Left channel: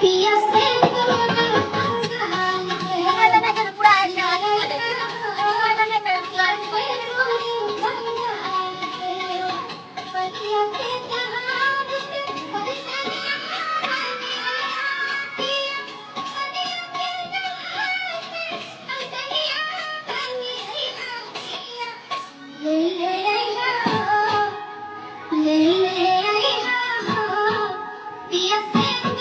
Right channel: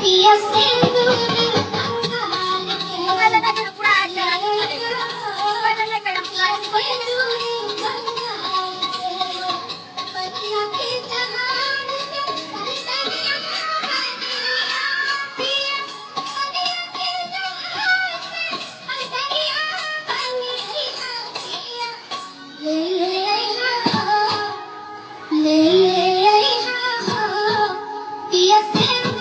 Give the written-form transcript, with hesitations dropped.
पिया सिंदूर मंगाल के पतिया के जहान से सनिया पिया सनिया के जहान से सनिया पिया ले ले आईना हो ले ले आईना हो पिया सिंदूर